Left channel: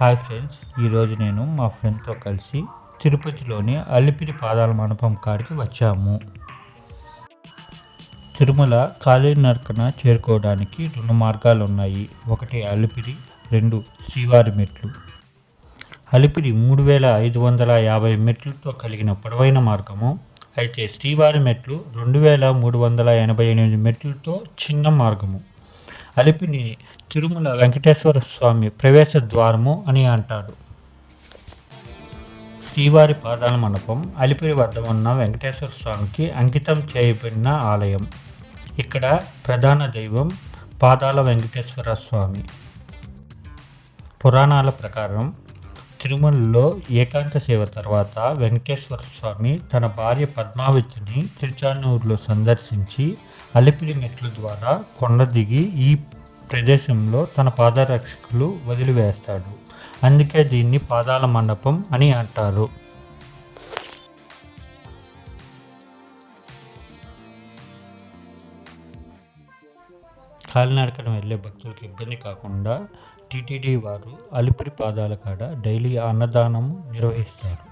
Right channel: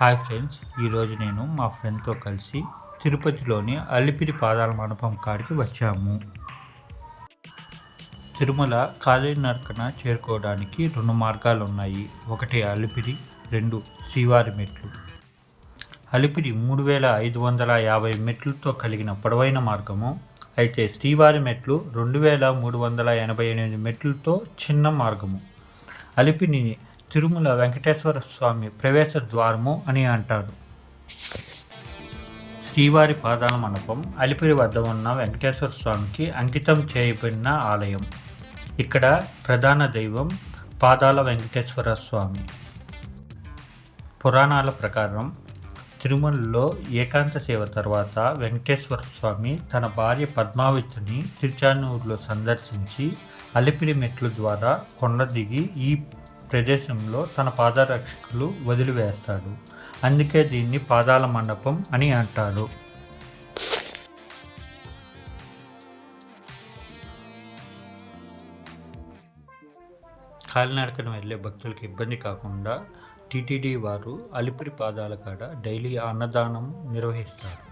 Hi friends, ఈరోజు నేను మా ఫ్రెండ్తో కలిసి తిరుపతిలోని అలిపిరి పాదాల మండపం కాడికి వచ్చాము. తిరుమల కాలినడకన చేరుకోవడానికి 2 మార్గాలు ఉన్నాయి. ఒకటి అలిపిరి, 2 శ్రీవారి మెట్లు. అలిపిరి 3550 మెట్లతో కలిగిన పొడవైన మార్గము. అయితే శ్రీవారి మెట్లు 2388 మెట్లతో చిన్న మార్గము. అలిపిరిని తిరుమల వెంకటేశ్వర స్వామి ప్రవేశ ద్వారము అని అంటారు. శ్రీవారి పాదాల మండపం అలిపిరి వద్ద ఉన్న వెంకటేశ్వర స్వామికి అంకితం చేయబడిన ఆలయం. ఇక్కడ ప్రధాన దైవం పాదాల వెంకటేశ్వర స్వామి. పురాణాల ప్రకారం తిరుమలలో ఏకాంత సేవ తర్వాత వెంకటేశ్వర స్వామి తన భార్య పద్మావతిని తిరుచానూరులో సందర్శించి అలిపిరి మెట్ల ద్వారా కొండ దిగి ఈ ప్రదేశంలో తన పాదరక్షకులు వదిలివేస్తాడు. అందుకే దీన్ని పాదాల మండపం అని అంటారు. కాలినడకన వెళ్ళే భక్తులకు ఇబ్బంది కాకుండా టీటీడీ వారు అలిపిరి పాదాల కాడ డైలీ అన్నదానం నిర్వహిస్తారు.